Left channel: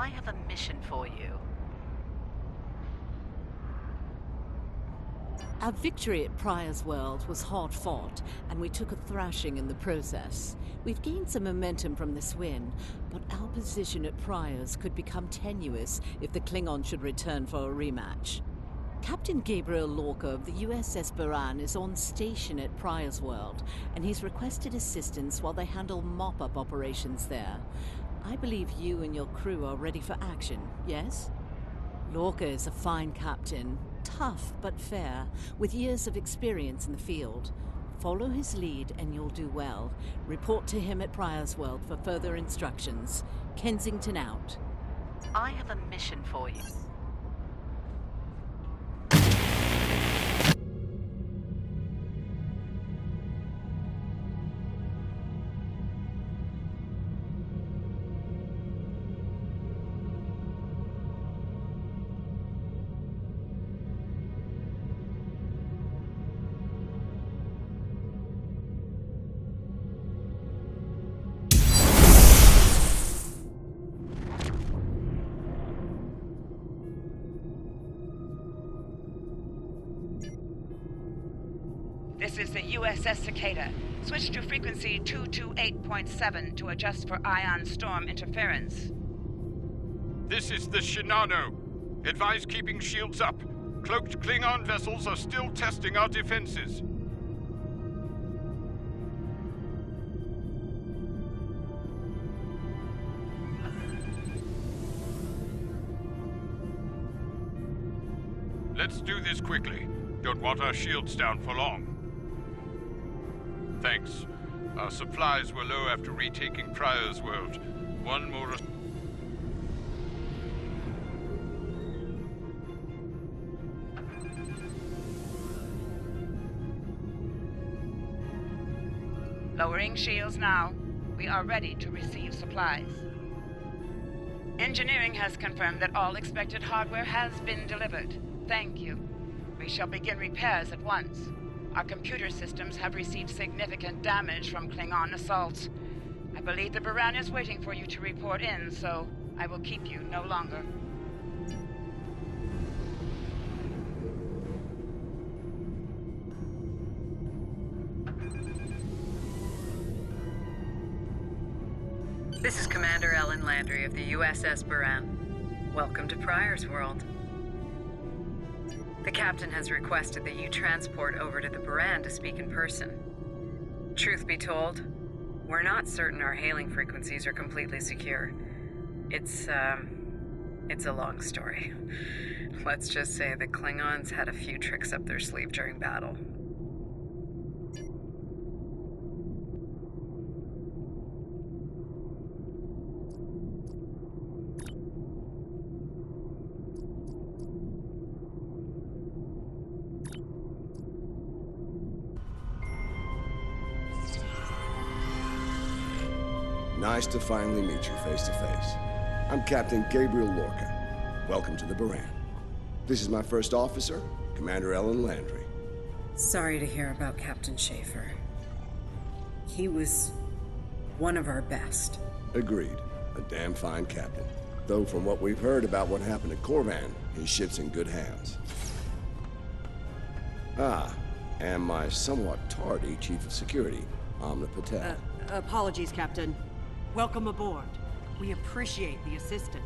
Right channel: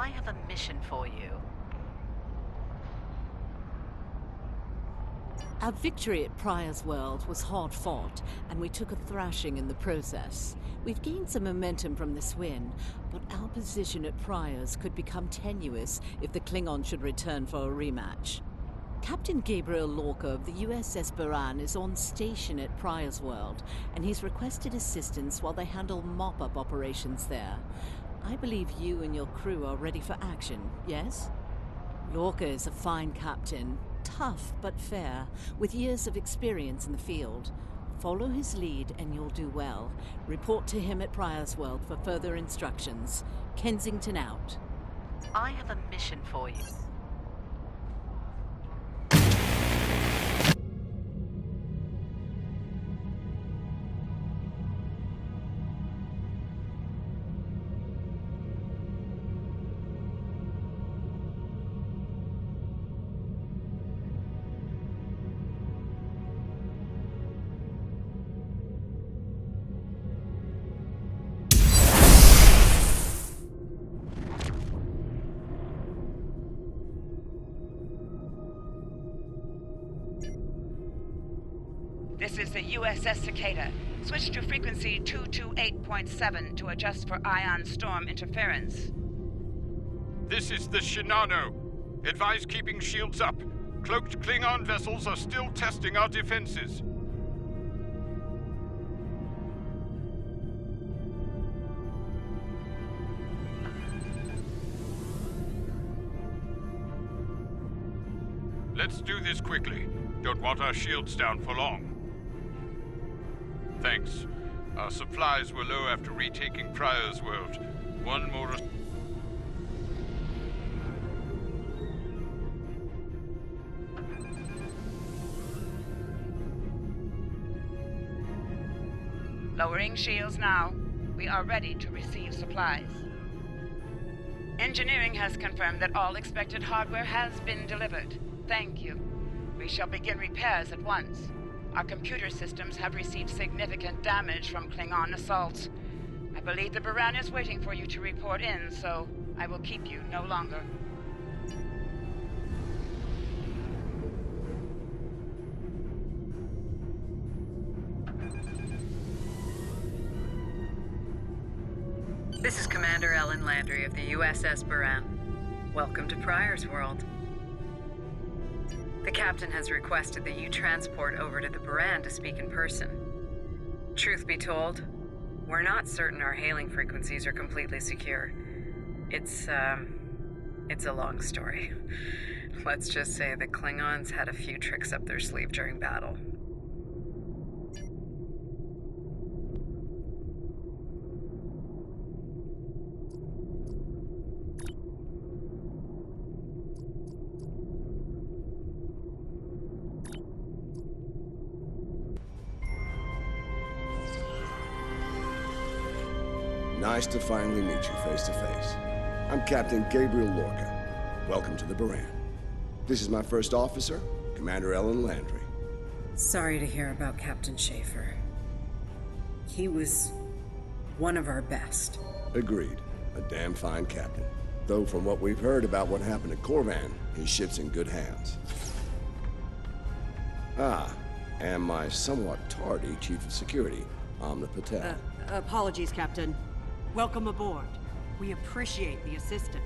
I have a mission for you. Our victory at Pryor's World was hard fought, and we took a thrashing in the process. We've gained some momentum from this win, but our position at Pryor's could become tenuous if the Klingon should return for a rematch. Captain Gabriel Lorca of the USS Buran is on station at Pryor's World, and he's requested assistance while they handle mop-up operations there. I believe you and your crew are ready for action, yes? Lorca is a fine captain, tough but fair, with years of experience in the field. Follow his lead and you'll do well. Report to him at Pryor's World for further instructions. Kensington out. I have a mission for you. This is the USS Cicada. Switch to frequency 228.7 to adjust for ion storm interference. This is the Shinano. Advise keeping shields up. Cloaked Klingon vessels are still testing our defenses. Let's do this quickly. Don't want our shields down for long. Thanks. Our supplies were low after retaking Pryor's World. One more... Lowering shields now. We are ready to receive supplies. Engineering has confirmed that all expected hardware has been delivered. Thank you. We shall begin repairs at once. Our computer systems have received significant damage from Klingon assaults. I believe the Buran is waiting for you to report in, so I will keep you no longer. This is Commander Ellen Landry of the USS Buran. Welcome to Pryor's World. The captain has requested that you transport over to the Buran to speak in person. Truth be told, we're not certain our hailing frequencies are completely secure. It's a long story. Let's just say the Klingons had a few tricks up their sleeve during battle. Nice to finally meet you face to face. I'm Captain Gabriel Lorca. Welcome to the Buran. This is my first officer, Commander Ellen Landry. Sorry to hear about Captain Schaefer. He was one of our best. Agreed. A damn fine captain. Though from what we've heard about what happened at Corvan, his ship's in good hands. Ah, and my somewhat tardy Chief of Security, Amna Patel. Apologies, Captain. Welcome aboard. We appreciate the assistance.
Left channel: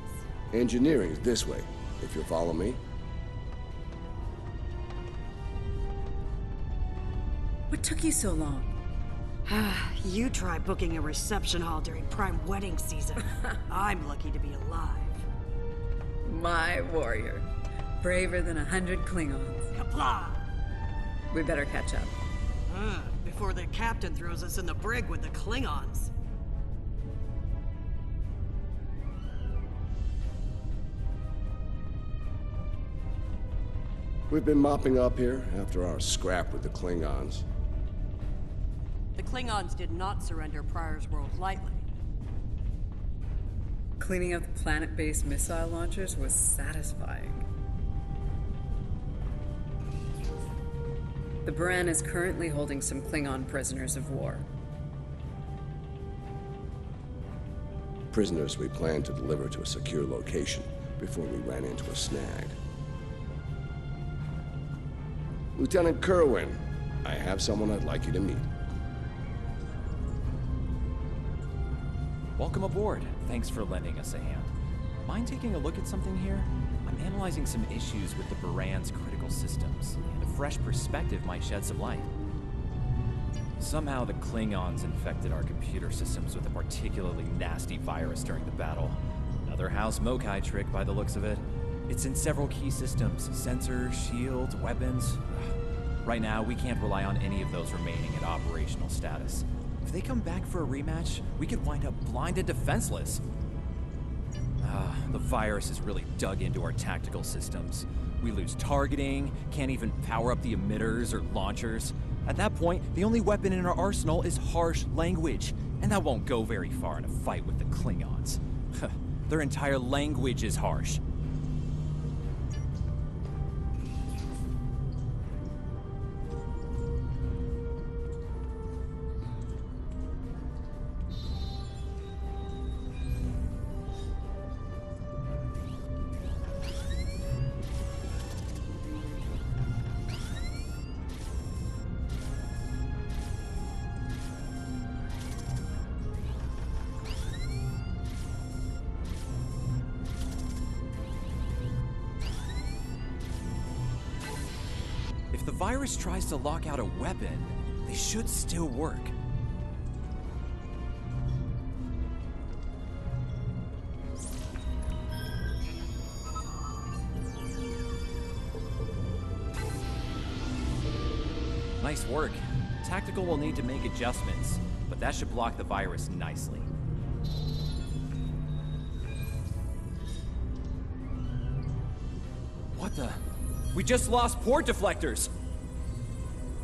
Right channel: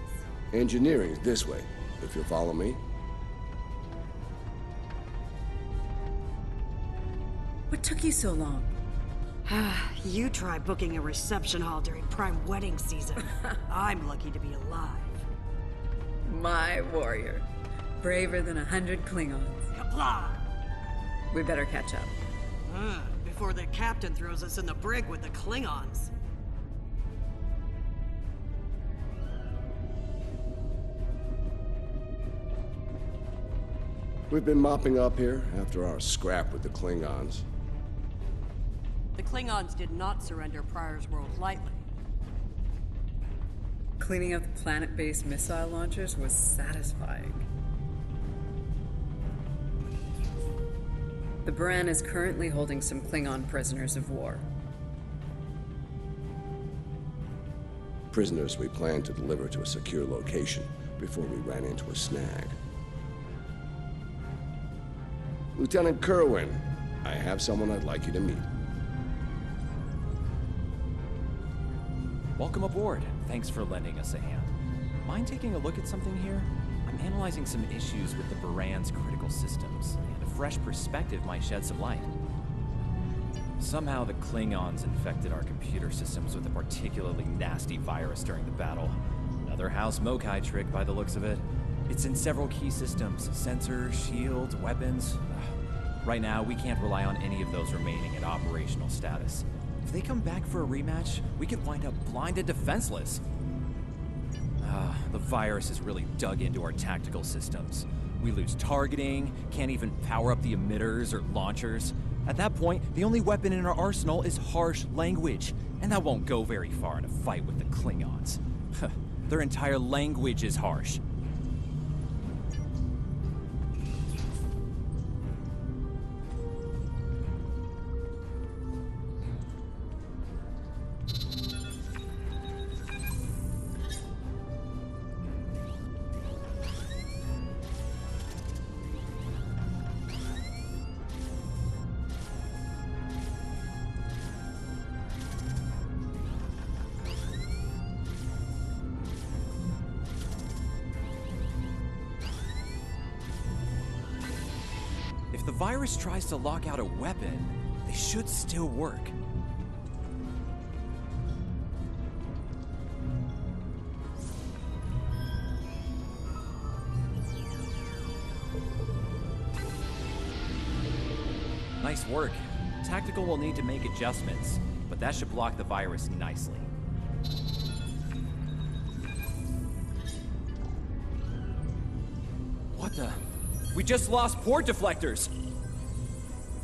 Engineering's this way, if you'll follow me. What took you so long? You try booking a reception hall during prime wedding season. I'm lucky to be alive. My warrior. Braver than 100 Klingons. Kapla! We better catch up. Before the captain throws us in the brig with the Klingons. We've been mopping up here after our scrap with the Klingons. The Klingons did not surrender Pryor's World lightly. Cleaning up the planet-based missile launchers was satisfying. The Buran is currently holding some Klingon prisoners of war. prisoners we planned to deliver to a secure location before we ran into a snag. Lieutenant Kerwin, I have someone I'd like you to meet. Welcome aboard. Thanks for lending us a hand. Mind taking a look at something here? I'm analyzing some issues with the Baran's critical systems, and a fresh perspective might shed some light. Somehow the Klingons infected our computer systems with a particularly nasty virus during the battle. Another House Mokai trick by the looks of it. It's in several key systems, sensors, shields, weapons. Right now, we can't rely on any of those remaining at operational status. If they come back for a rematch, we could wind up blind and defenseless. The virus has really dug into our tactical systems. We lose targeting, can't even power up the emitters or launchers. At that point, the only weapon in our arsenal is harsh language, and that won't go very far in a fight with the Klingons. Their entire language is harsh. If the virus tries to lock out a weapon, they should still work. Nice work. Tactical will need to make adjustments, but that should block the virus nicely. What the? We just lost port deflectors!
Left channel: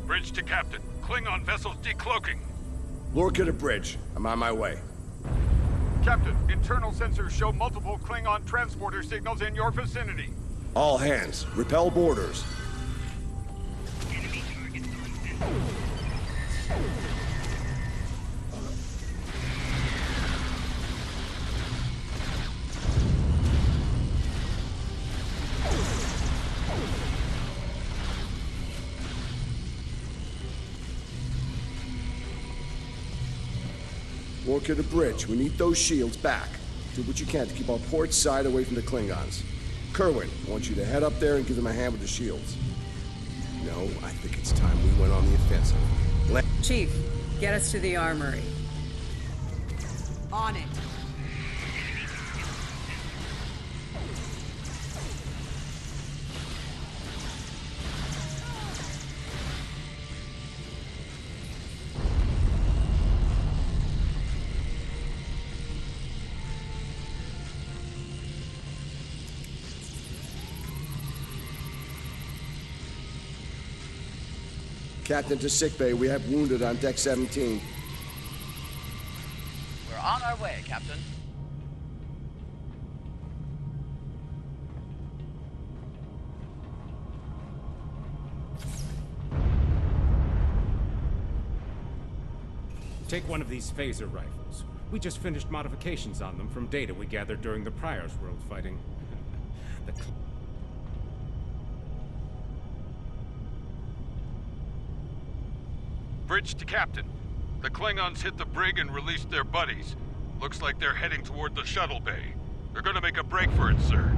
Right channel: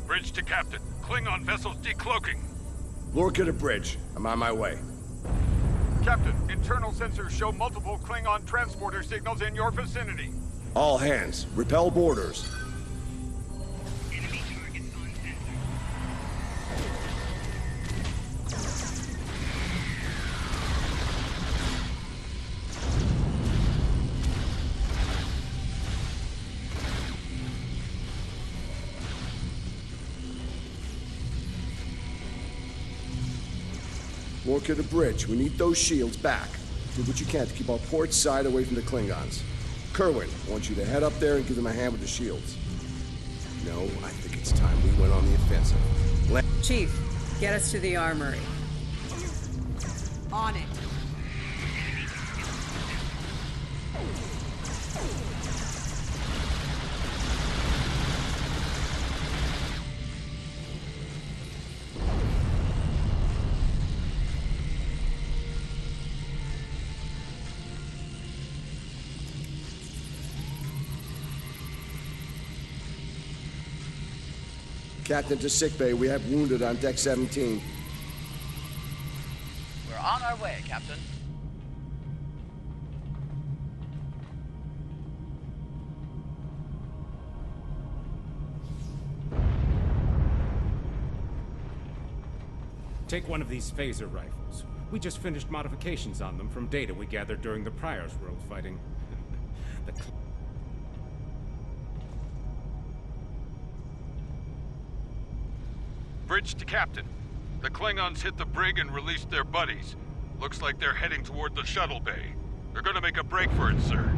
Bridge to Captain. Klingon vessels decloaking. Lorca to bridge. I'm on my way. Captain, internal sensors show multiple Klingon transporter signals in your vicinity. All hands, repel boarders. Enemy targets on sensor. Lorca to bridge. We need those shields back. Do what you can to keep our port side away from the Klingons. Kerwin, I want you to head up there and give them a hand with the shields. No, I think it's time we went on the offensive. Chief, get us to the armory. On it. Captain to sickbay. We have wounded on deck 17. We're on our way, Captain. Take one of these phaser rifles. We just finished modifications on them from data we gathered during the Prior's World fighting. the Bridge to Captain. The Klingons hit the brig and released their buddies. Looks like they're heading toward the shuttle bay. They're gonna make a break for it, sir.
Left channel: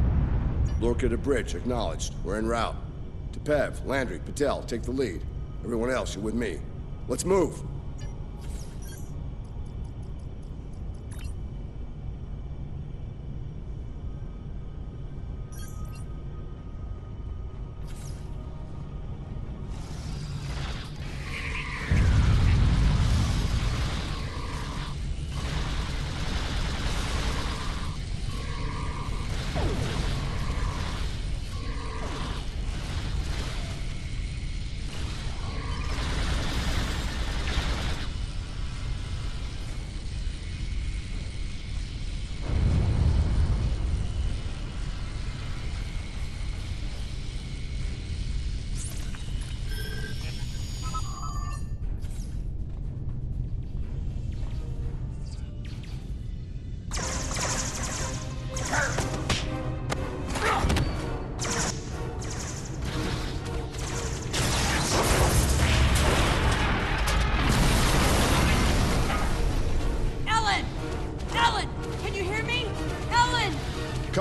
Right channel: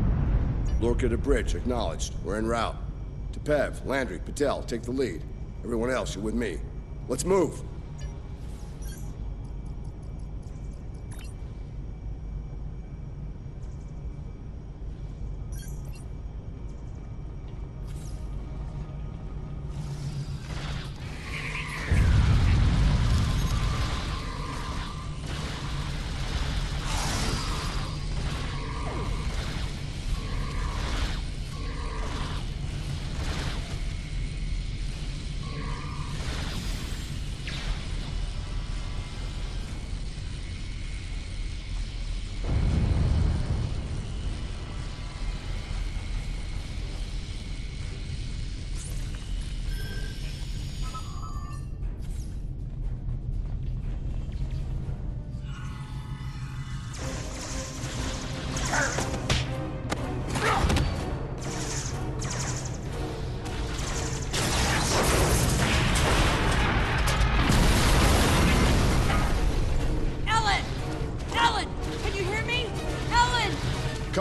Lorca to bridge. Acknowledged. We're en route. Tepev, Landry, Patel, take the lead. Everyone else, you're with me. Let's move.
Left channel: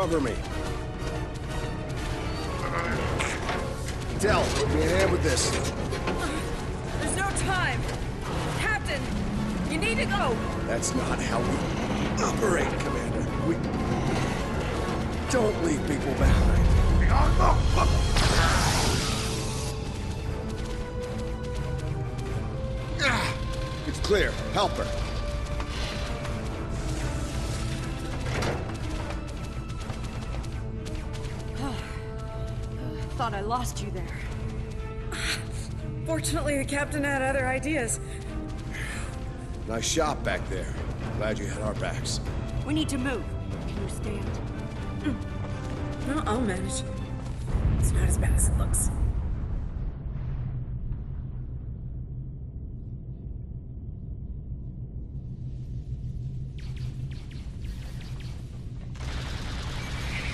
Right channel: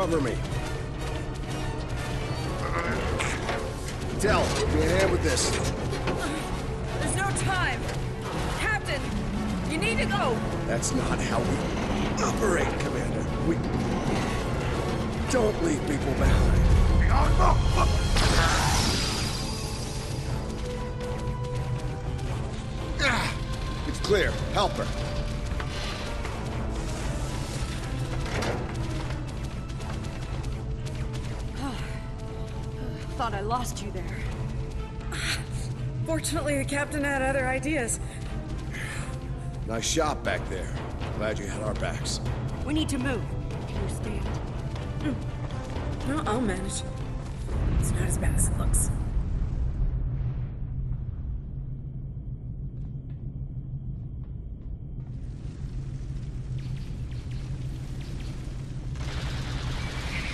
Cover me. Del, give me a hand with this. There's no time. Captain, you need to go. That's not how we operate, Commander. We don't leave people behind. It's clear. Help her. Thought I lost you there. Fortunately, the captain had other ideas. Nice shot back there. Glad you had our backs. We need to move. Can you stand? No, I'll manage. It's not as bad as it looks.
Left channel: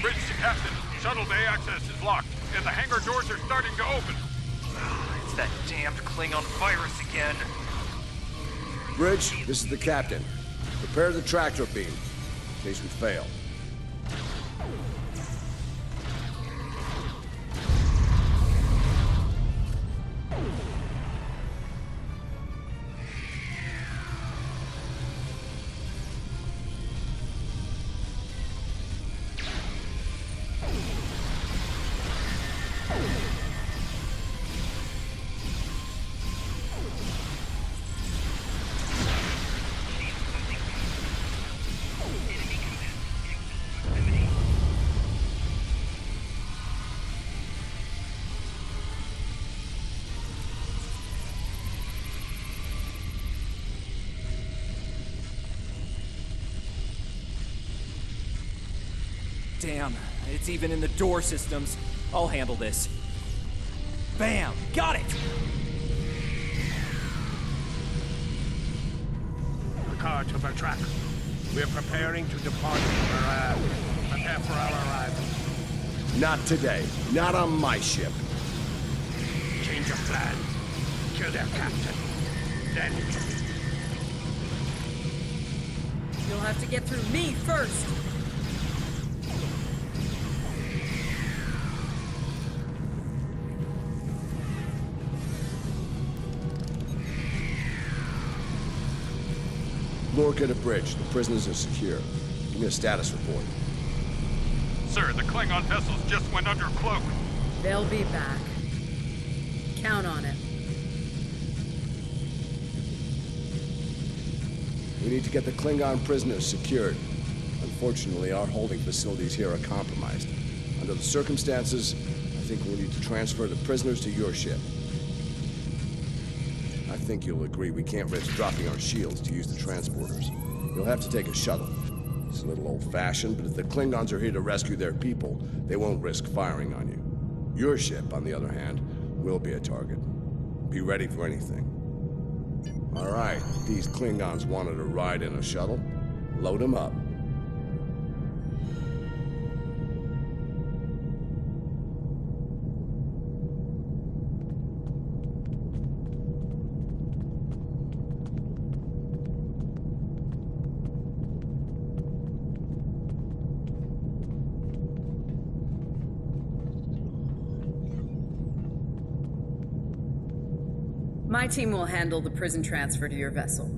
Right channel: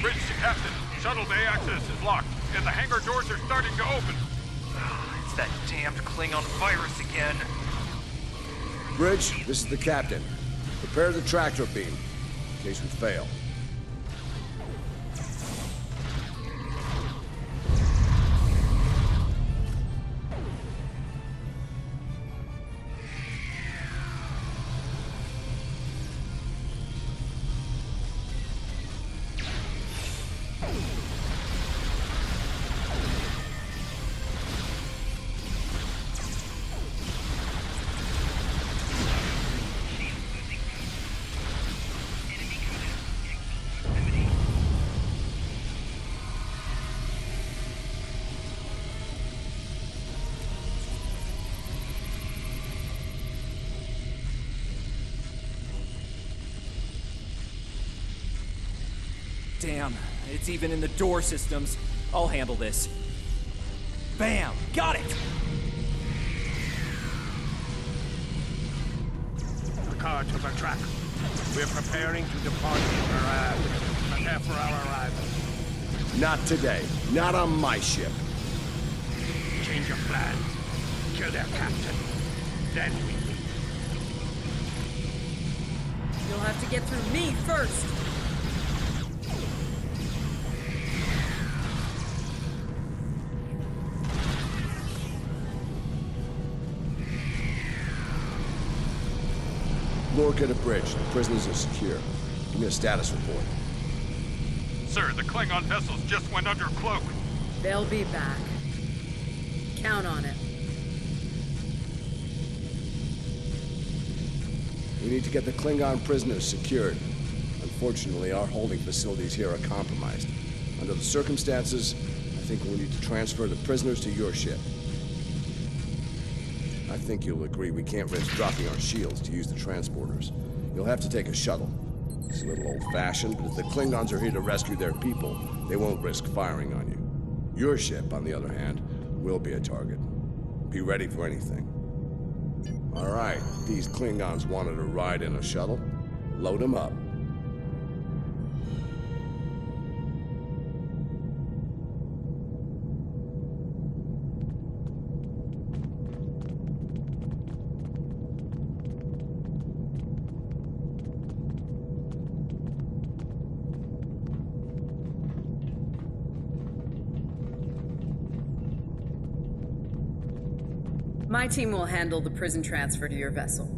Bridge to Captain. Shuttle bay access is locked, and the hangar doors are starting to open. It's that damned Klingon virus again. Bridge, this is the captain. Prepare the tractor beam, in case we fail. Damn, it's even in the door systems. I'll handle this. Bam! Got it! The car to the track. We're preparing to depart. Prepare for our arrival. Not today. Not on my ship. Change of plans. Kill their captain. Then we leave. You'll have to get through me first. Lorca to bridge. The prisoners are secure. Give me a status report. Sir, the Klingon vessels just went under cloak. They'll be back. Count on it. We need to get the Klingon prisoners secured. Unfortunately, our holding facilities here are compromised. Under the circumstances, I think we'll need to transfer the prisoners to your ship. I think you'll agree we can't risk dropping our shields to use the transporters. You'll have to take a shuttle. It's a little old-fashioned, but if the Klingons are here to rescue their people, they won't risk firing on you. Your ship, on the other hand, will be a target. Be ready for anything. All right, these Klingons wanted to ride in a shuttle. Load them up. My team will handle the prison transfer to your vessel.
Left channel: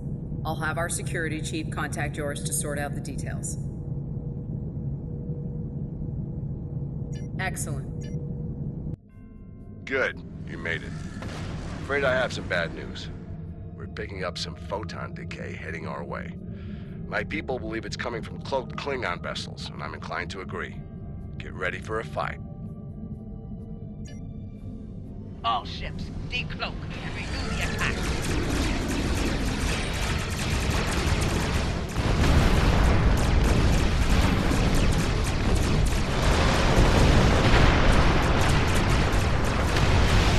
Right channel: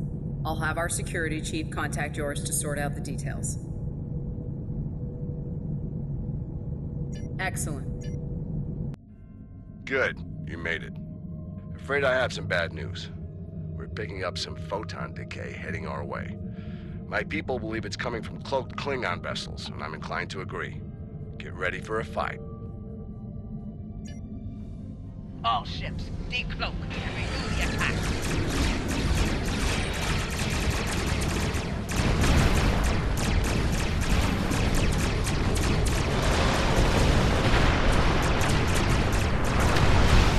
I'll have our security chief contact yours to sort out the details. Excellent. Good. You made it. Afraid I have some bad news. We're picking up some photon decay heading our way. My people believe it's coming from cloaked Klingon vessels, and I'm inclined to agree. Get ready for a fight. All ships, decloak and renew the attack.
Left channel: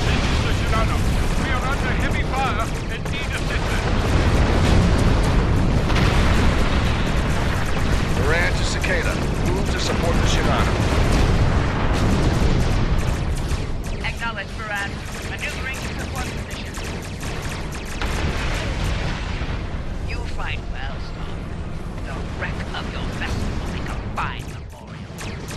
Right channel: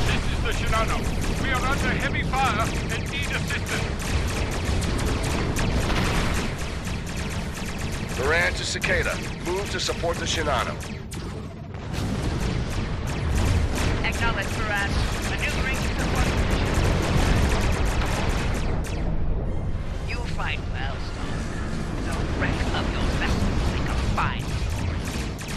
This is the Shinano. We are under heavy fire and need assistance. Moran to Cicada. Move to support the Shinano. Acknowledge, Baran. Maneuvering to support position. You fight well, Storm. The wreck of your vessel will make a fine memorial.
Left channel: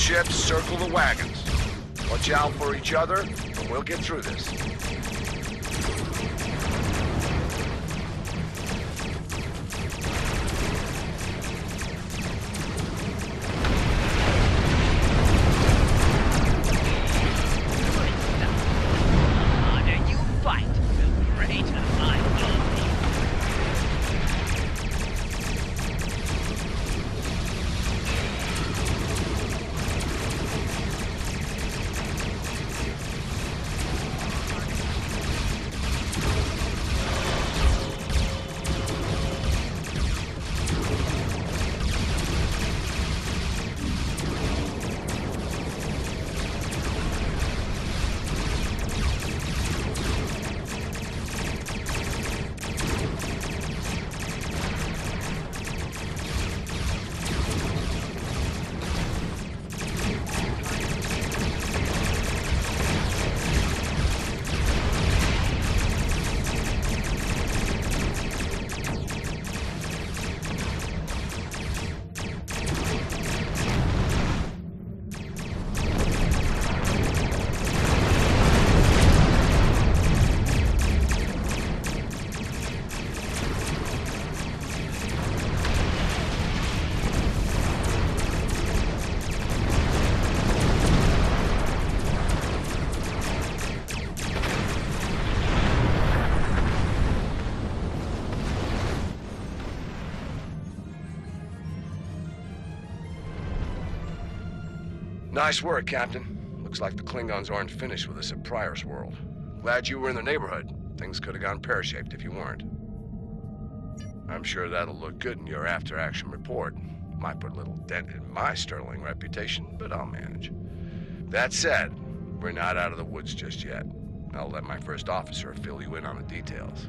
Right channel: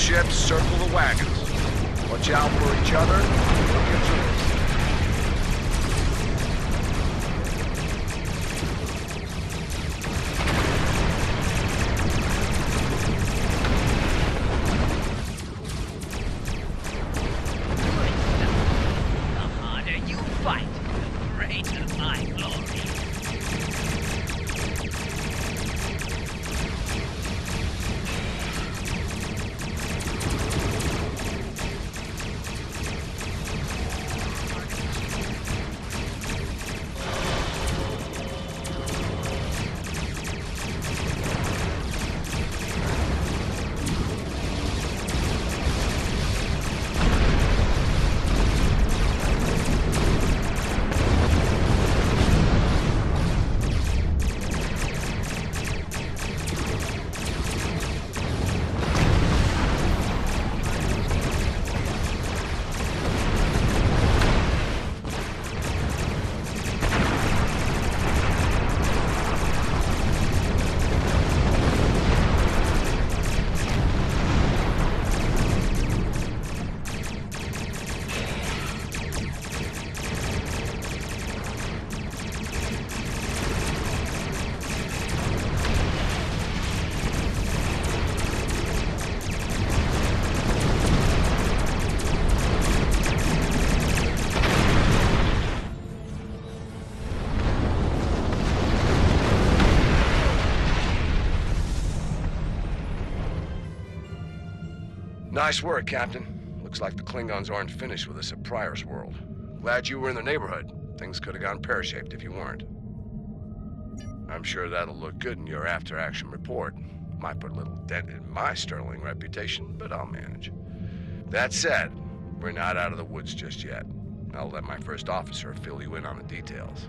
ships, circle the wagons. Watch out for each other, and we'll get through this. Nice work, Captain. Looks like the Klingons aren't finished with us at Pryor's World. Glad you were in the neighborhood. Things could have gone pear-shaped if you weren't. I'm sure that'll look good in your after-action report. Might put a little dent in my sterling reputation, but I'll manage. That said, we're not out of the woods just yet. I'll let my first officer fill you in on the details.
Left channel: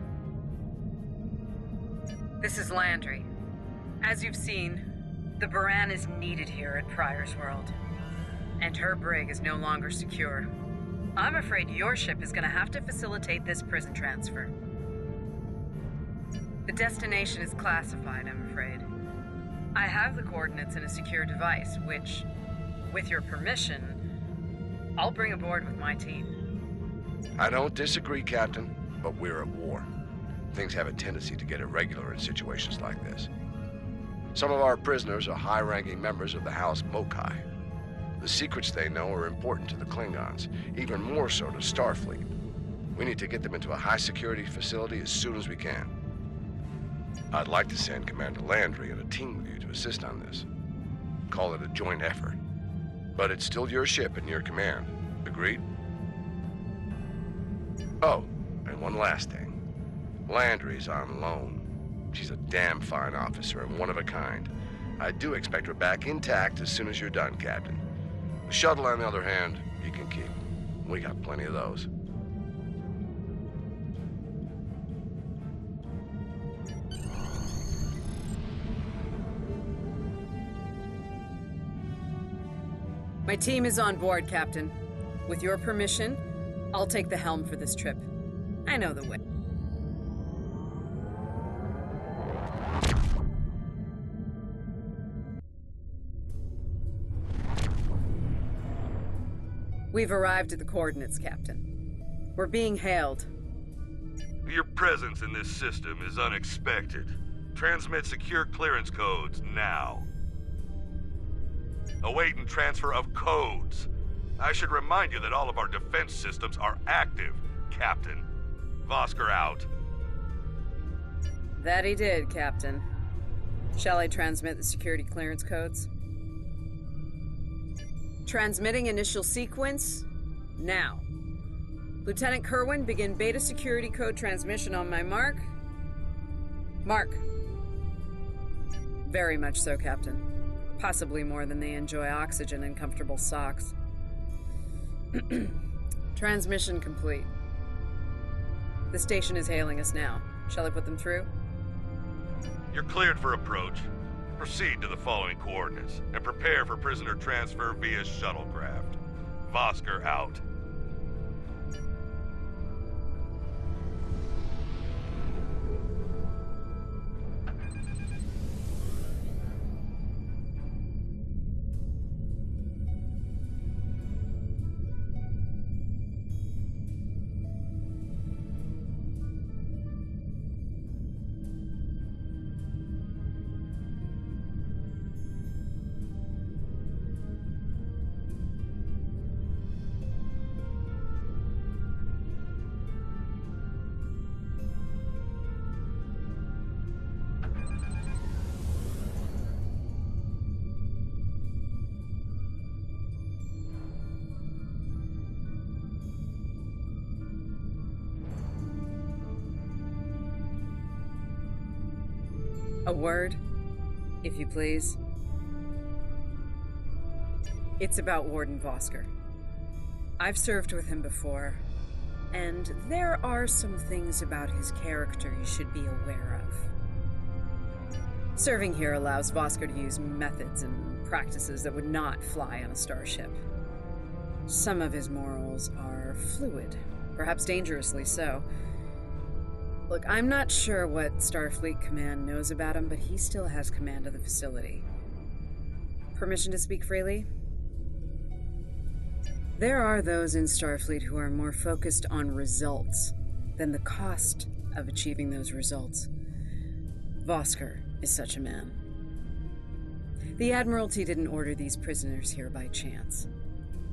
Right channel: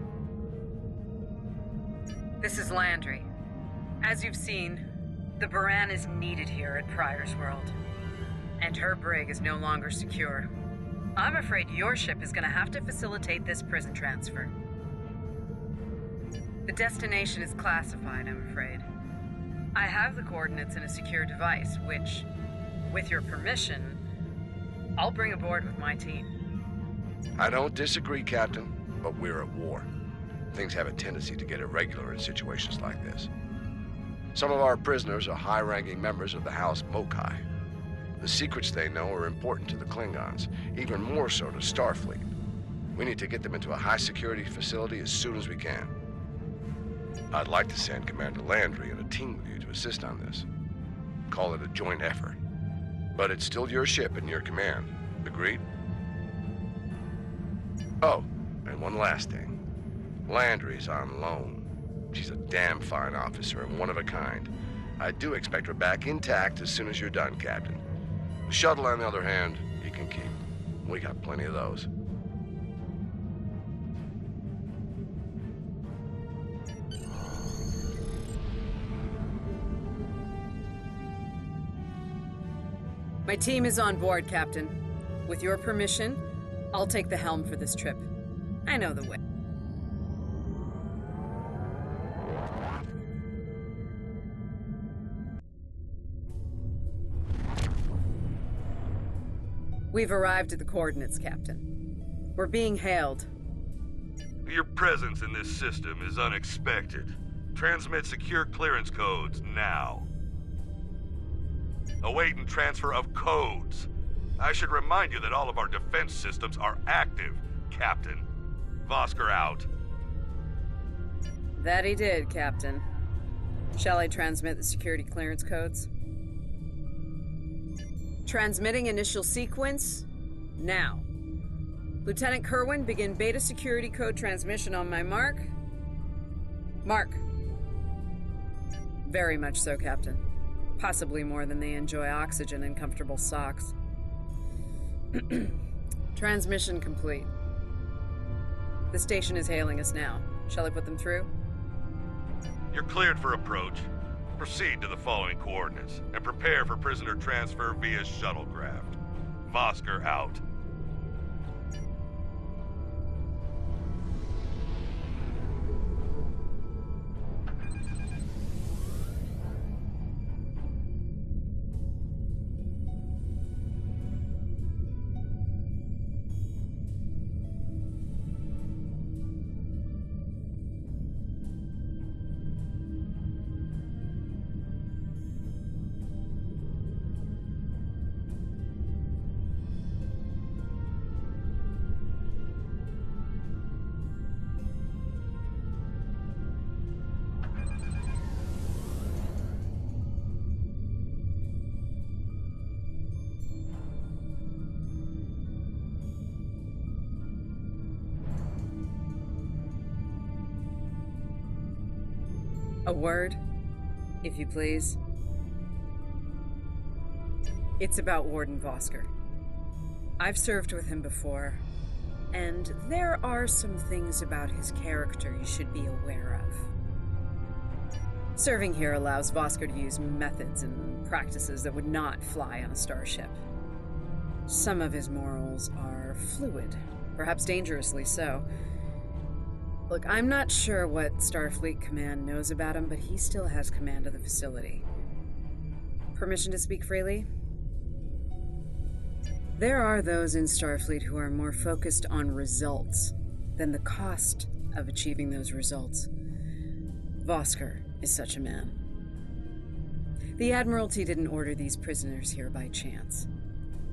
This is Landry. As you've seen, the Baran is needed here at Pryor's World. And her brig is no longer secure. I'm afraid your ship is going to have to facilitate this prison transfer. The destination is classified, I'm afraid. I have the coordinates in a secure device, which, with your permission, I'll bring aboard with my team. I don't disagree, Captain, but we're at war. Things have a tendency to get irregular in situations like this. Some of our prisoners are high-ranking members of the House Mokai. The secrets they know are important to the Klingons, even more so to Starfleet. We need to get them into a high-security facility as soon as we can. I'd like to send Commander Landry and a team with you to assist on this. Call it a joint effort. But it's still your ship and your command. Agreed? Oh, and one last thing. Landry's on loan. She's a damn fine officer and one of a kind. I do expect her back intact as soon as you're done, Captain. The shuttle, on the other hand, you can keep. We got plenty of those. My team is on board, Captain. With your permission, I'll take the helm for this trip. I know the way. We've arrived at the coordinates, Captain. We're being hailed. Your presence in this system is unexpected. Transmit secure clearance codes now. Awaiting transfer of codes. I should remind you that all of our defense systems are active, Captain. Vosker out. That he did, Captain. Shall I transmit the security clearance codes? Transmitting initial sequence, now. Lieutenant Kerwin, begin beta security code transmission on my mark. Mark. Very much so, Captain. Possibly more than they enjoy oxygen and comfortable socks. Transmission complete. The station is hailing us now. Shall I put them through? You're cleared for approach. Proceed to the following coordinates, and prepare for prisoner transfer via shuttlecraft. Vosker out. A word, if you please. It's about Warden Vosker. I've served with him before, and there are some things about his character you should be aware of. Serving here allows Vosker to use methods and practices that would not fly on a starship. Some of his morals are fluid, perhaps dangerously so. Look, I'm not sure what Starfleet Command knows about him, but he still has command of the facility. Permission to speak freely? There are those in Starfleet who are more focused on results than the cost of achieving those results. Vosker is such a man. The Admiralty didn't order these prisoners here by chance.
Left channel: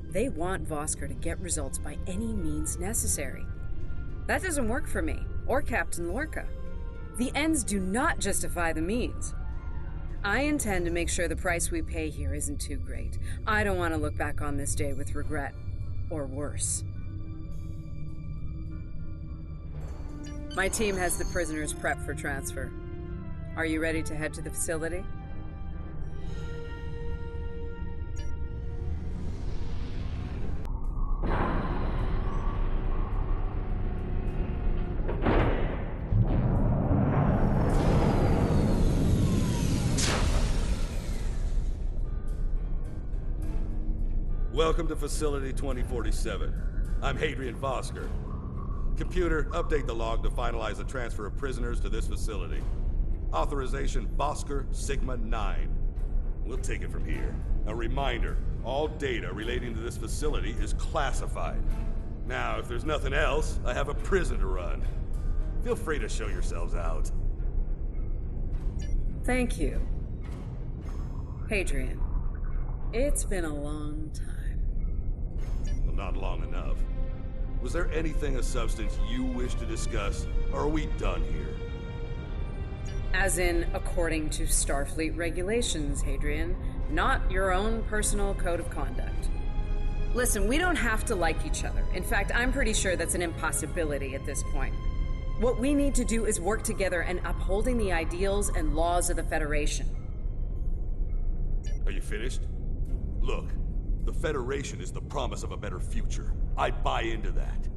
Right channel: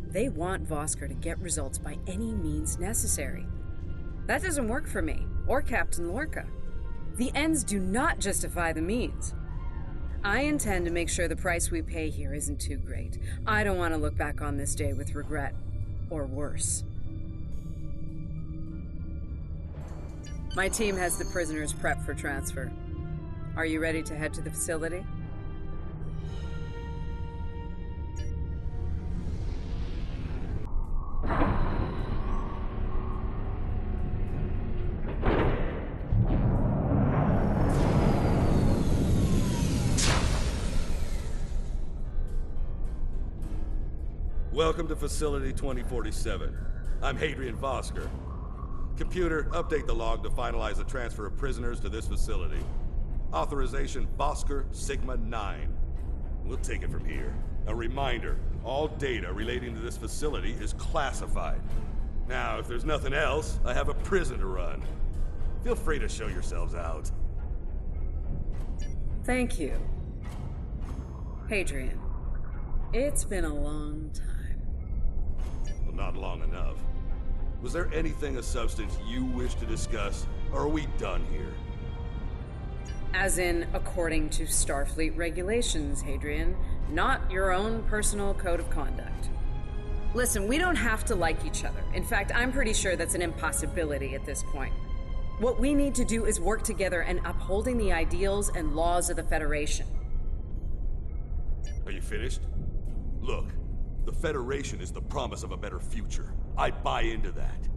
They want Vosker to get results by any means necessary. That doesn't work for me, or Captain Lorca. The ends do not justify the means. I intend to make sure the price we pay here isn't too great. I don't want to look back on this day with regret, or worse. My team has the prisoners prepped for transfer. Are you ready to head to the facility? Welcome to Facility 2047. I'm Hadrian Vosker. Computer, update the log to finalize the transfer of prisoners to this facility. Authorization Vosker Sigma 9. We'll take it from here. A reminder, all data relating to this facility is classified. Now, if there's nothing else, I have a prison to run. Feel free to show yourselves out. Thank you. Hadrian, it's been a long time. Well, not long enough. Was there anything of substance you wish to discuss, or are we done here? As in, according to Starfleet regulations, Hadrian, not your own personal code of conduct. Listen, we don't have to like each other. In fact, I'm pretty sure that's an impossibility at this point. What we need to do is work together in upholding the ideals and laws of the Federation. Are you finished? Look, the Federation is the promise of a better future. I buy into that.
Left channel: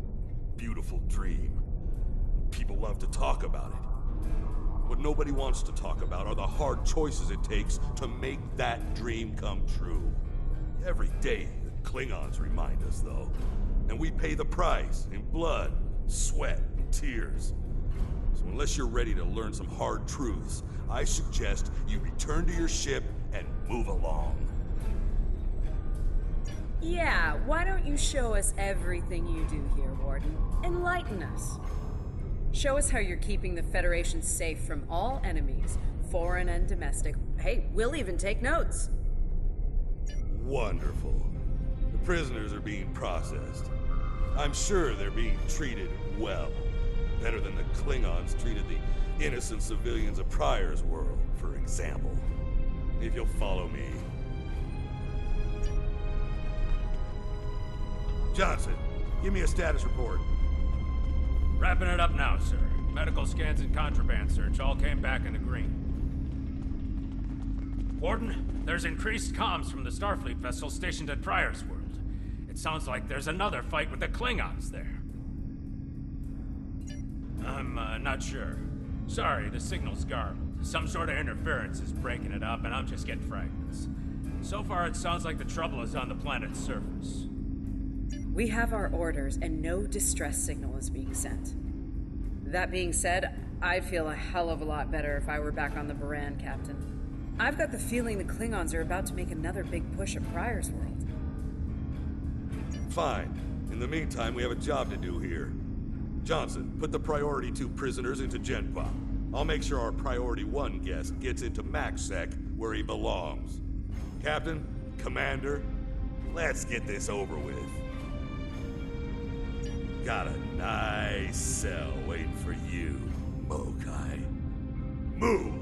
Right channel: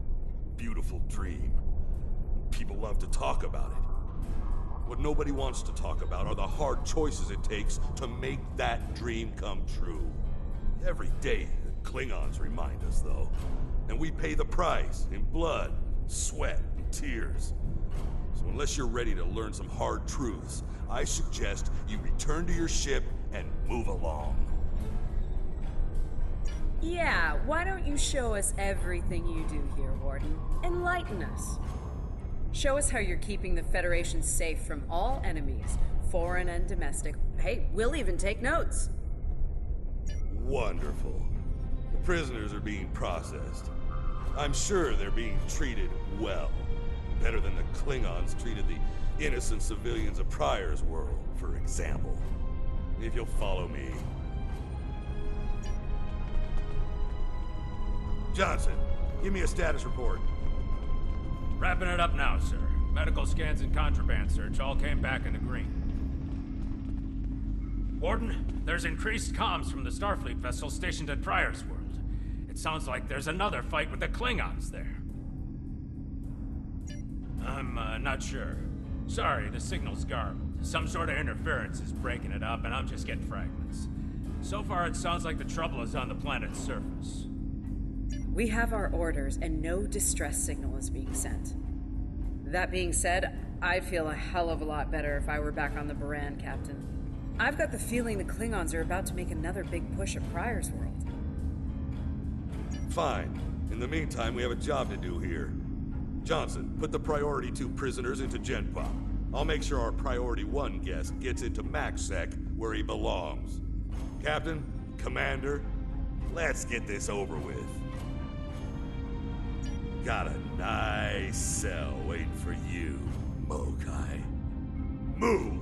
Beautiful dream. People love to talk about it. What nobody wants to talk about are the hard choices it takes to make that dream come true. Every day, the Klingons remind us, though. And we pay the price in blood, sweat, and tears. So unless you're ready to learn some hard truths, I suggest you return to your ship and move along. Yeah, why don't you show us everything you do here, Warden? Enlighten us. Show us how you're keeping the Federation safe from all enemies, foreign and domestic. Hey, we'll even take notes. Wonderful. The prisoners are being processed. I'm sure they're being treated well. Better than the Klingons treated the innocent civilians of Pryor's world, for example. If you'll follow me. Johnson, give me a status report. Wrapping it up now, sir. Medical scans and contraband search all came back in the green. Warden, there's increased comms from the Starfleet vessel stationed at Pryor's world. It sounds like there's another fight with the Klingons there. I'm not sure. Sorry, the signal's garbled. Some sort of interference is breaking it up, and I'm just getting fragments. So far, it sounds like the trouble is on the planet's surface. We have our orders, and no distress signal is being sent. That being said, I'd feel a hell of a lot better if I were back on the Baran, Captain. I've got the feeling the Klingons are about to make another big push at Pryor's world. Fine. In the meantime, we have a job to do here. Johnson, put the Priority 2 prisoners into Gen Pop. I'll make sure our Priority 1 guest gets into MaxSec, where he belongs. Captain, Commander, let's get this over with. Got a nice cell waiting for you, Mokai. Move!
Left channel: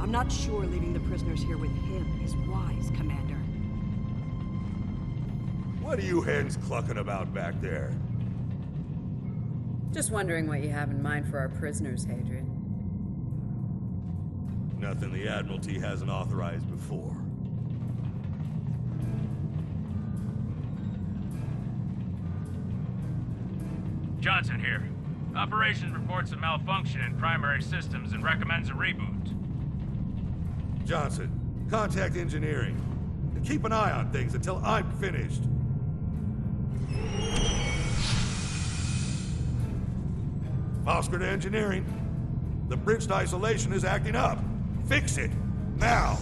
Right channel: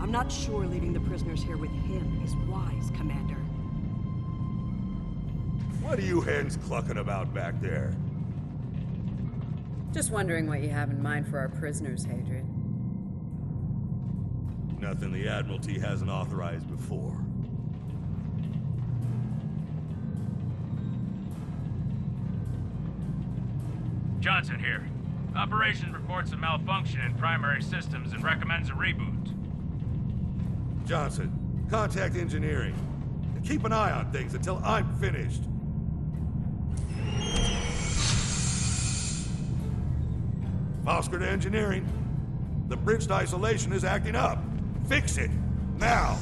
I'm not sure leaving the prisoners here with him is wise, Commander. What are you hens clucking about back there? Just wondering what you have in mind for our prisoners, Hadrian. Nothing the Admiralty hasn't authorized before. Johnson here. Operation reports a malfunction in primary systems and recommends a reboot. Johnson, contact engineering. And keep an eye on things until I'm finished. Oscar to engineering. The bridge isolation is acting up. Fix it. Now.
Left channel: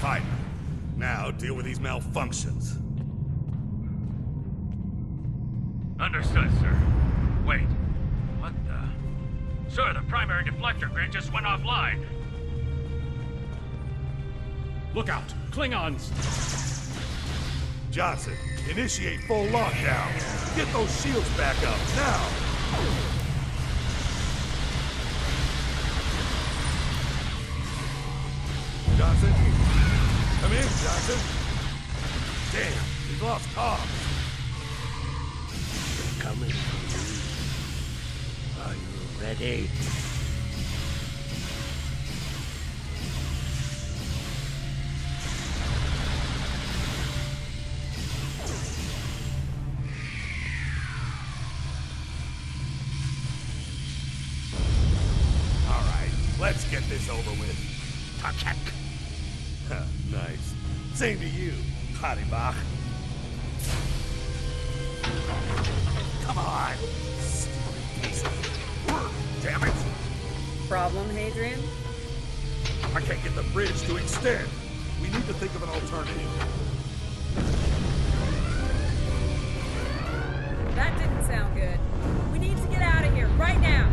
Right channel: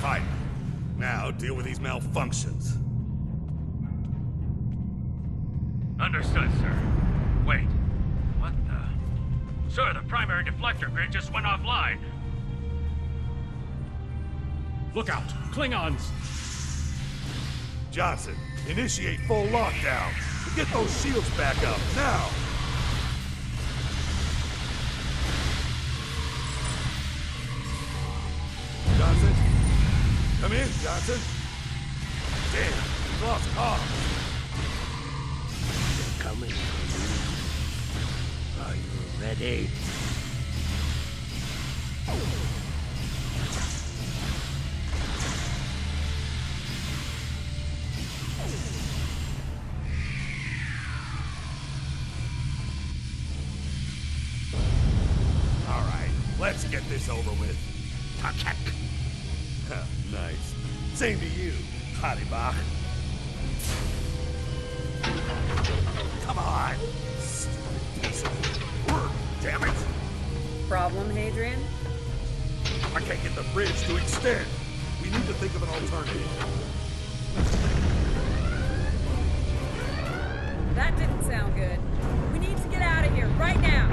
Fine. Now deal with these malfunctions. Understood, sir. Wait. What the... Sir, the primary deflector grid just went offline. Look out! Klingons! Johnson, initiate full lockdown. Get those shields back up, now! Johnson? Come in, Johnson. Damn, we lost comms. They're coming for you. Are you ready? All right, let's get this over with. Touch. Nice. Same to you, Haribach. Come on! Stupid piece of work, damn it! Problem, Hadrian? I can't get the bridge to extend. We need to think of an alternative. That didn't sound good. We need to get out of here, right now!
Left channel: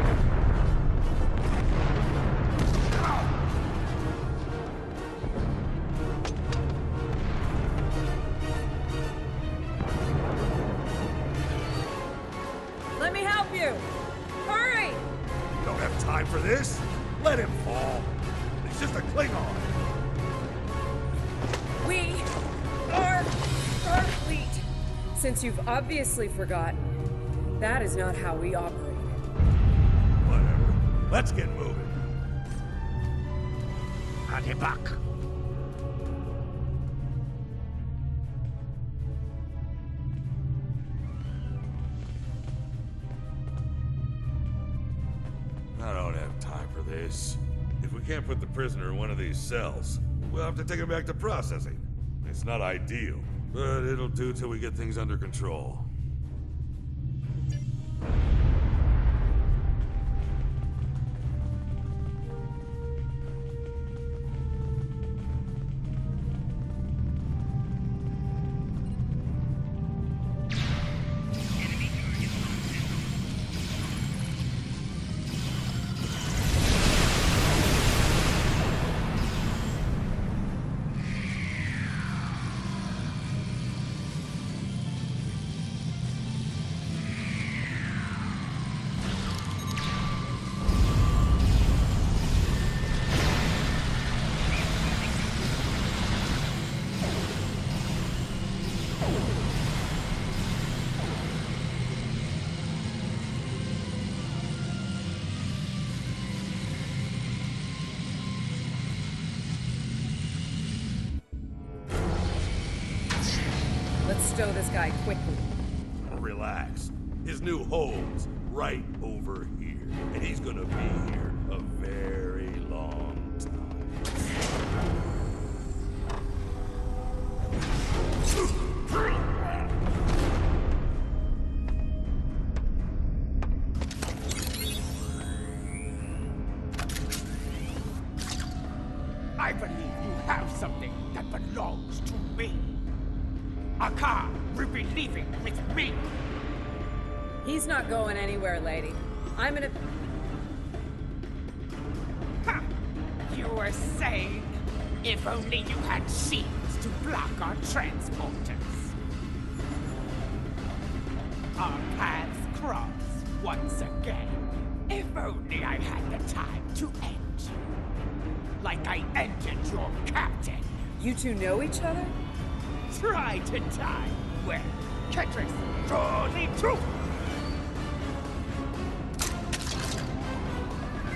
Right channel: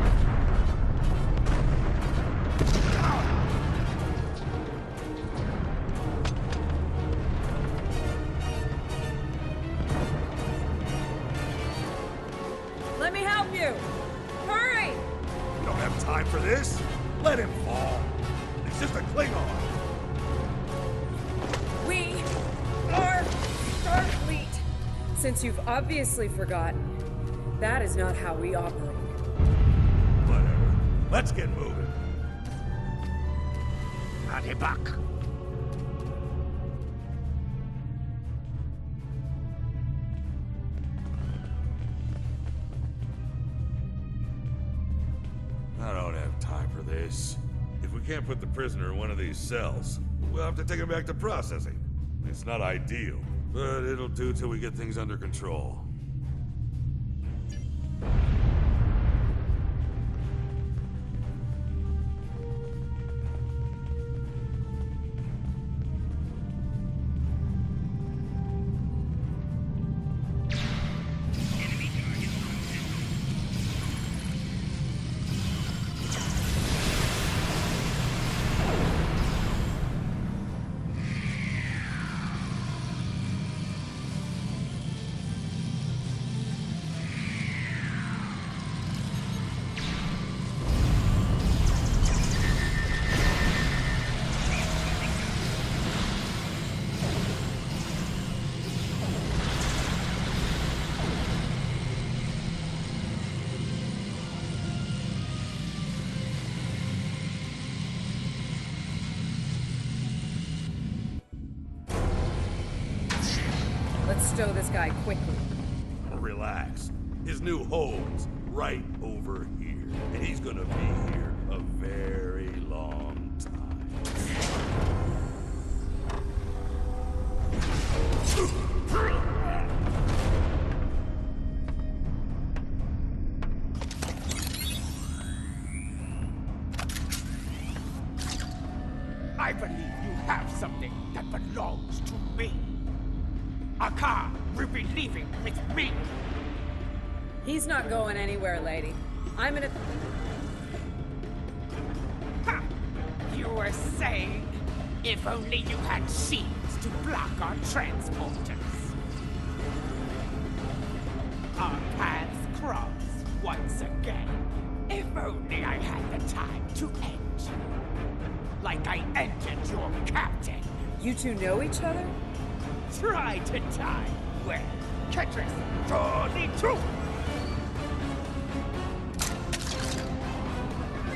Let me help you! Hurry! We don't have time for this. Let him fall. It's just a Klingon. We are Starfleet. Since you've obviously forgotten, that is not how we operate. Whatever. Let's get moving. Haribach. I don't have time for this. If we can't put the prisoner in one of these cells, we'll have to take him back to processing. It's not ideal, but it'll do till we get things under control. Let's stow this guy quickly. Relax. His new home's right over here. And he's gonna be here a very long time. I believe you have something that belongs to me. Akar will be leaving with me. He's not going anywhere, lady. I'm gonna... Ha! You were saying, if only you had shields to block our transporters. Our paths cross once again. If only I had the time to end you. Like I ended your captain. You two know each other? Try to die well. Ketris, surely true.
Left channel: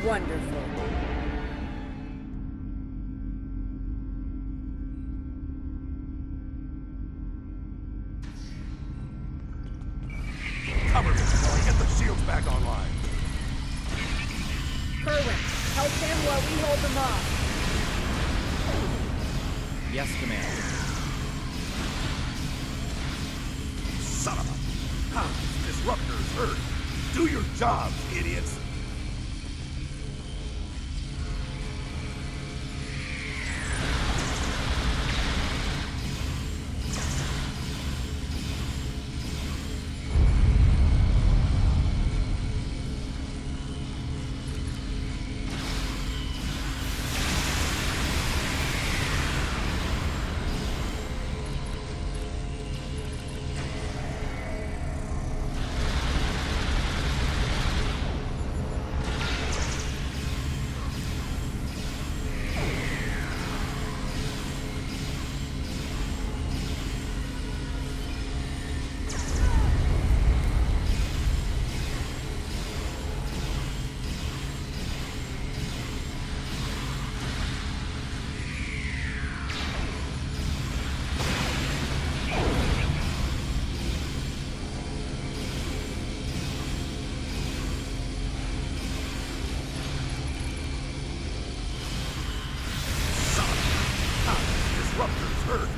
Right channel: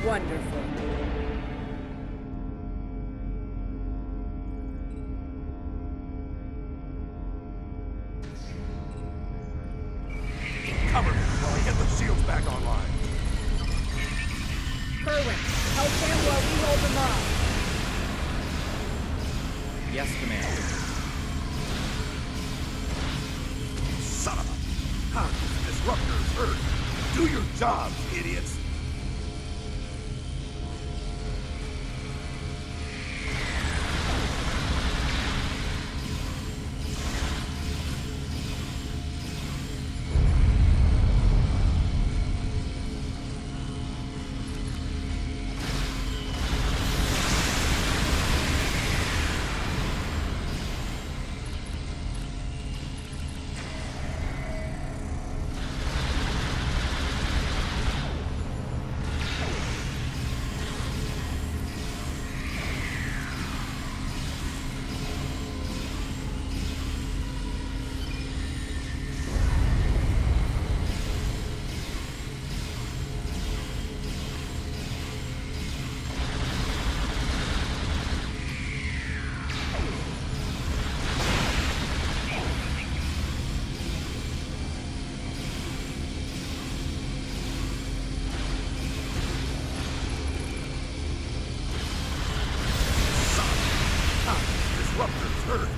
Wonderful. Cover me while I get the shields back online. Kerwin, help him while we hold them off. Yes, Commander. Son of a... Huh, disruptors hurt. Do your jobs, idiots. Disruptors hurt.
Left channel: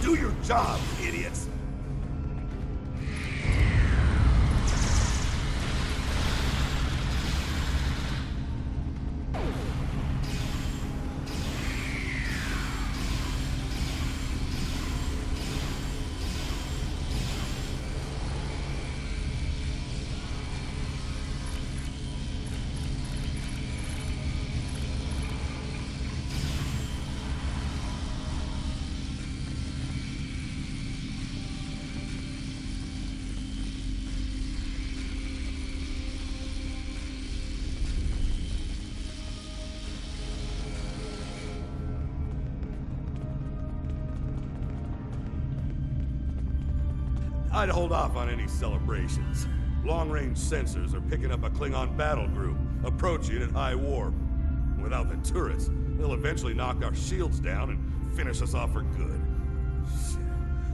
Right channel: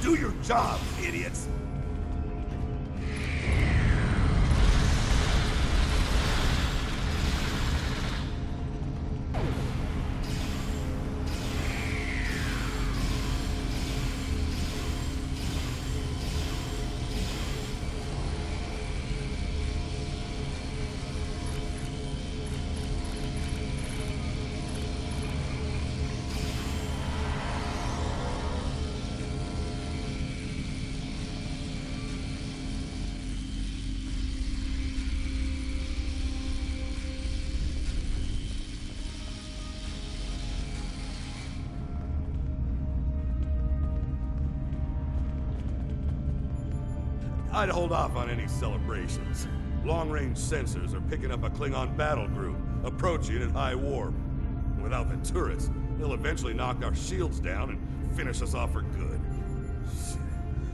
Do your jobs, idiots. I'd hold off on any celebrations. Long-range sensors are picking up a Klingon battle group, approaching at high warp. Without the turrets, they'll eventually knock our shields down and finish us off for good. Shit,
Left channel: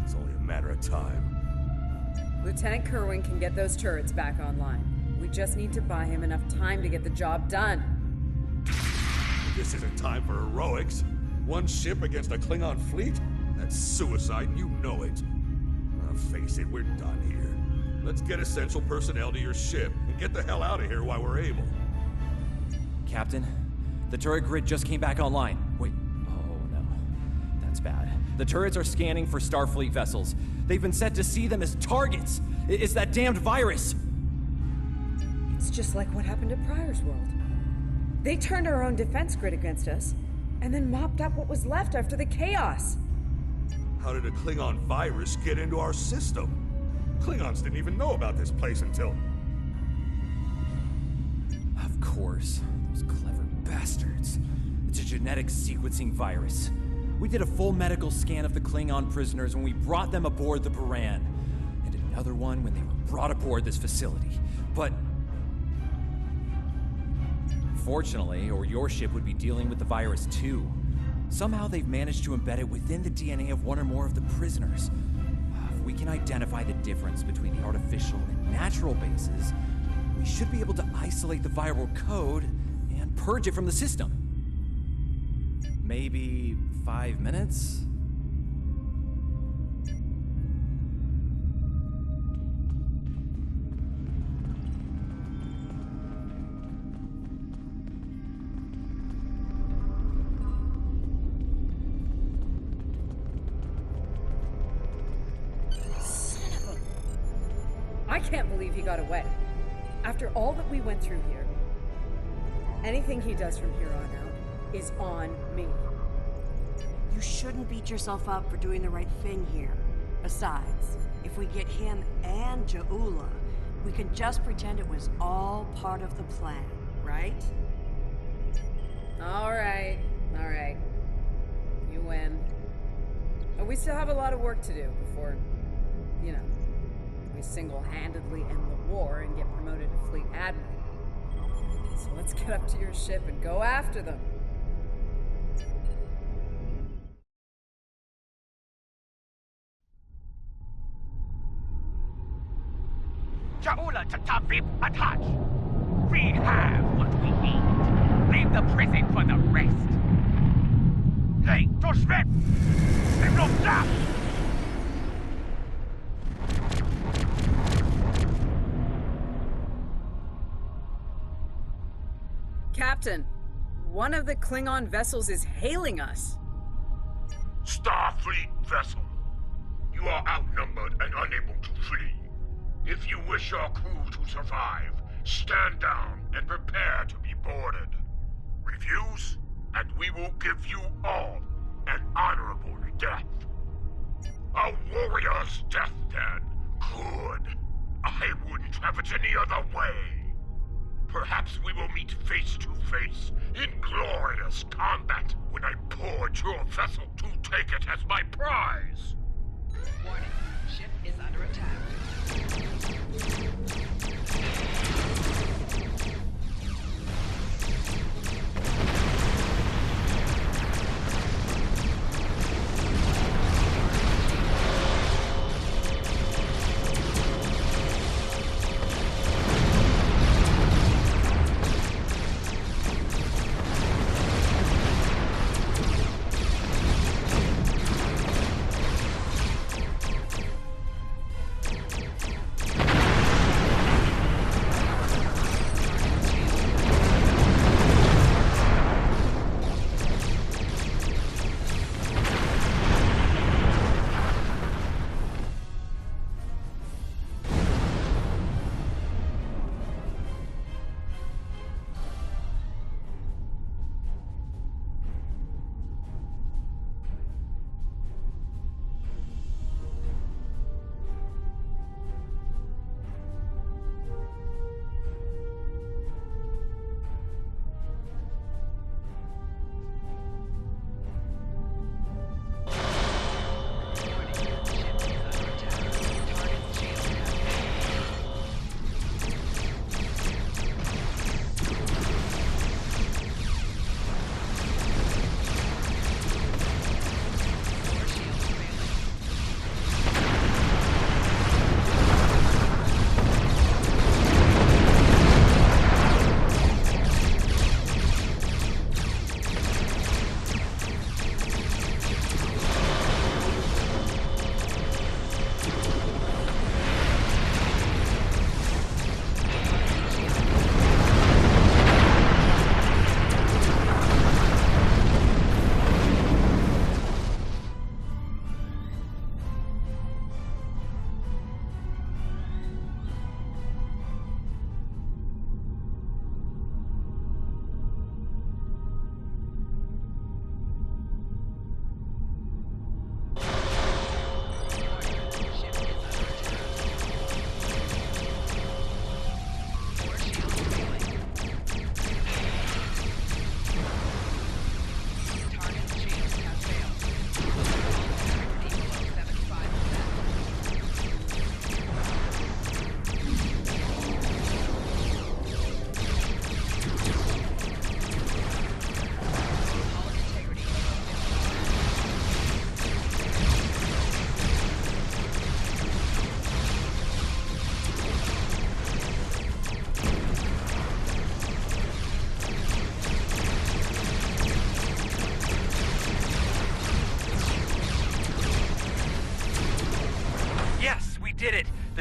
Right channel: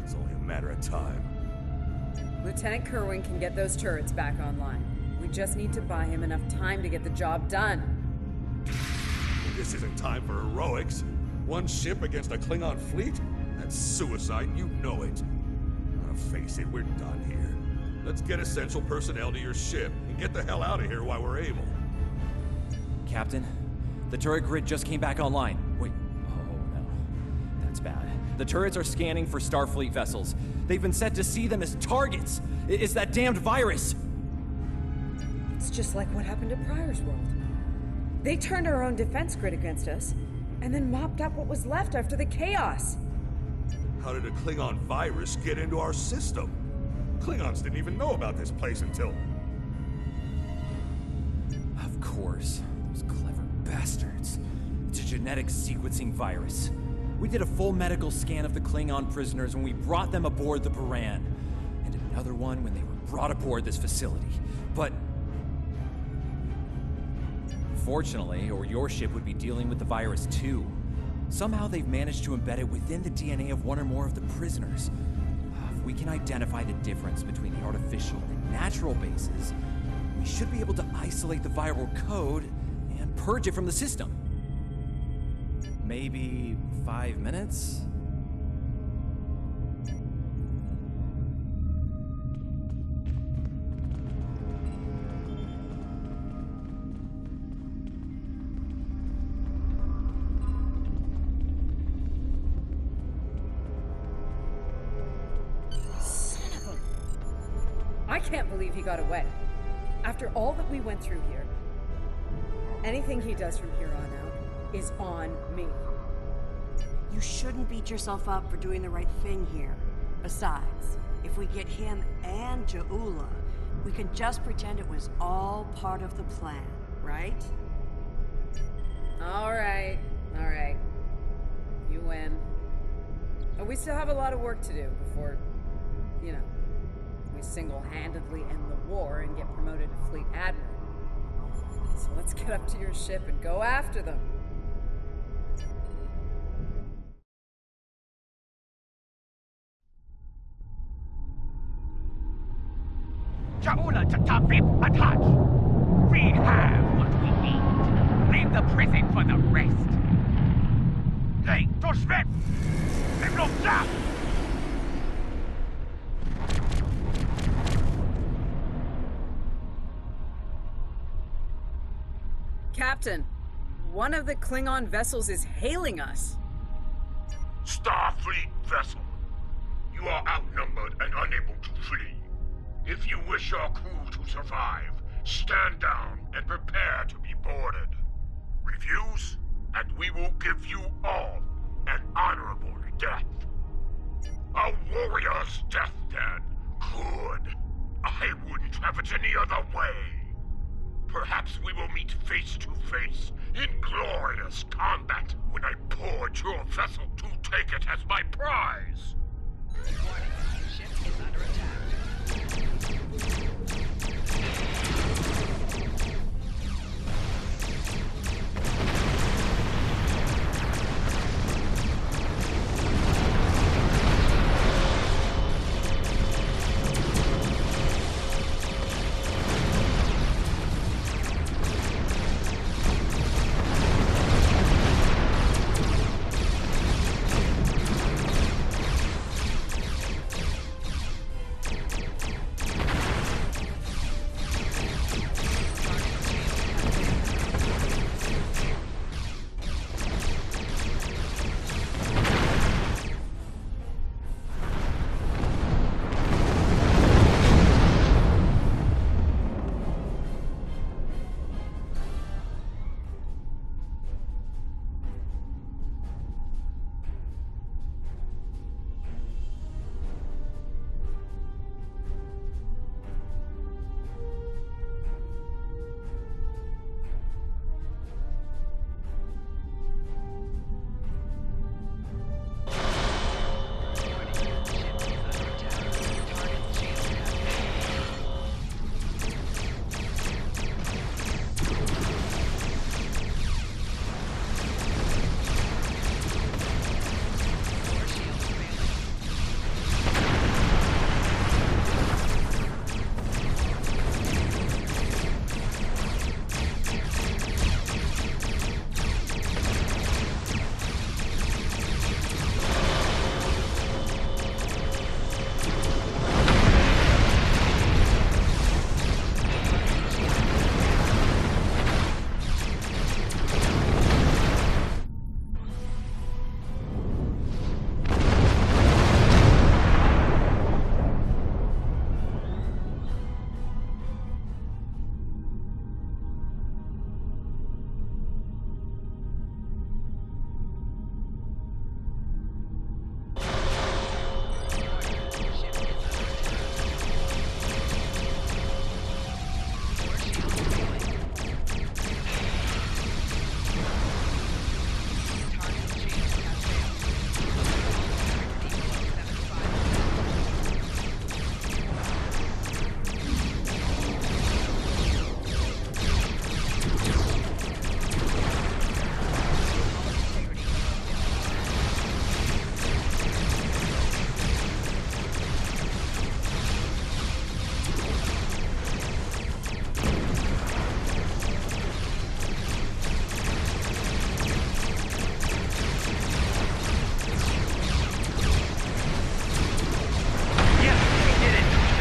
it's only a matter of time. Lieutenant Kerwin can get those turrets back online. We just need to buy him enough time to get the job done. This isn't time for heroics. One ship against a Klingon fleet? That's suicide, and you know it. Face it, we're done here. Let's get essential personnel to your ship and get the hell out of here while we're able. Captain, the turret grid just came back online. Wait, oh no. That's bad. The turrets are scanning for Starfleet vessels. They've been set to see them as targets. It's that damned virus. It's just like what happened at Pryor's World. They turned our own defense grid against us, and then mopped up what was left after the chaos. How did a Klingon virus get into our system? Klingons didn't even know about this place until... Of course. Those clever bastards. It's a genetic sequencing virus. We did a full medical scan of the Klingon prisoners when we brought them aboard the Baran, and another one when they were brought aboard this facility. But... fortunately, or your ship would be dealing with the virus too. Somehow they've managed to embed it within the DNA of one or more of the prisoners. If we can identify the difference between the artificial and natural bases, we should be able to isolate the viral code and purge it from the system. Maybe 5 minutes? I can't believe he got away. After all that we went through here, anything he does from here on out is on me. You shouldn't beat yourself up for doing the right thing here. Besides, if we get him and Ja'ula, we can just pretend it was all part of the plan, right? All right. You win. But we still have a lot of work to do before, we single-handedly end the war and get promoted to fleet admiral. So let's get up to your ship and go after them. Ja'ula Tatavip Atach! We have what we need. Leave the prison for the rest. Hey, Toshvet! Emlopta! Captain, one of the Klingon vessels is hailing us. Starfleet vessel. You are outnumbered and unable to flee. If you wish your crew to survive, stand down and prepare to be boarded. Refuse, and we will give you all an honorable death. A warrior's death, then. Good. I wouldn't have it any other way. Perhaps we will meet face to face in glorious combat when I board your vessel to take it as my prize. Warning, ship is under attack.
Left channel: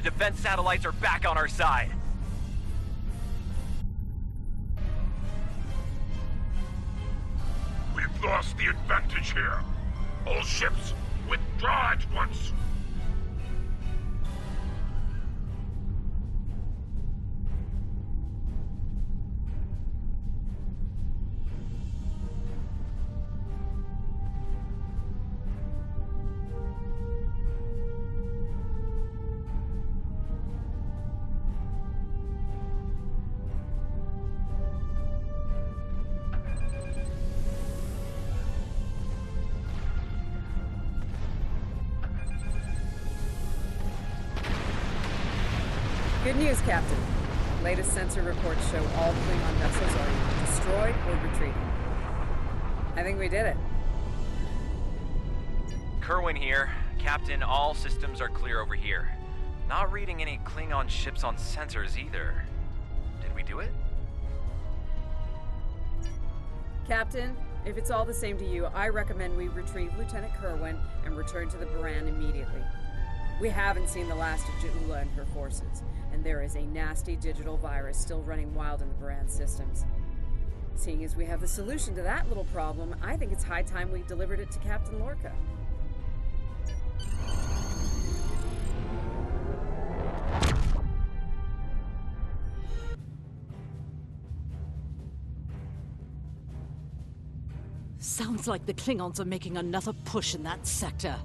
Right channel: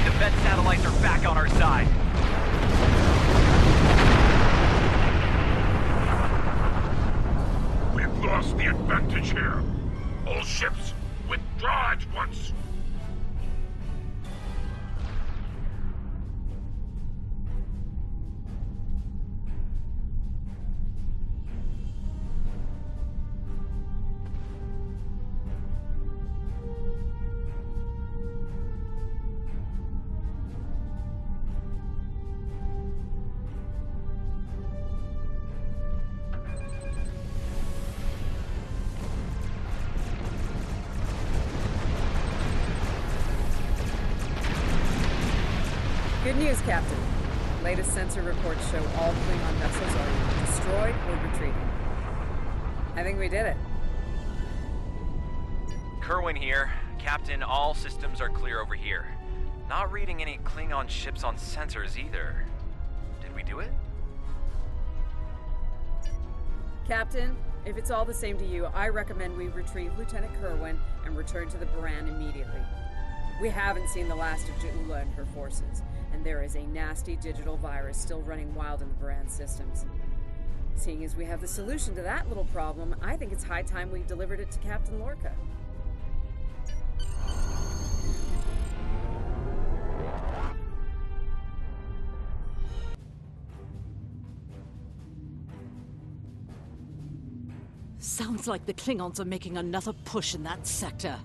Defense satellites are back on our side. We've lost the advantage here. All ships, withdraw at once. Good news, Captain. Latest sensor reports show all Klingon vessels are either destroyed or retreating. I think we did it. Kerwin here. Captain, all systems are clear over here. Not reading any Klingon ships on sensors either. Did we do it? Captain, if it's all the same to you, I recommend we retrieve Lieutenant Kerwin and return to the Baran immediately. We haven't seen the last of Ja'ula and her forces, and there is a nasty digital virus still running wild in the Baran systems. Seeing as we have the solution to that little problem, I think it's high time we delivered it to Captain Lorca. Sounds like the Klingons are making another push in that sector.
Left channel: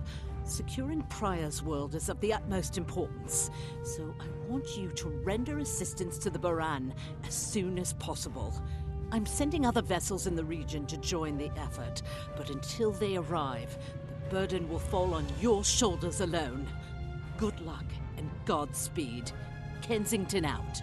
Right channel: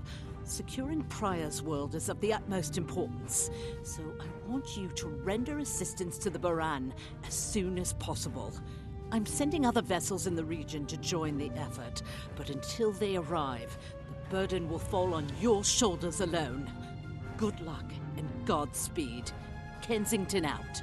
Securing Prior's world is of the utmost importance, so I want you to render assistance to the Baran as soon as possible. I'm sending other vessels in the region to join the effort, but until they arrive, the burden will fall on your shoulders alone. Good luck and Godspeed. Kensington out.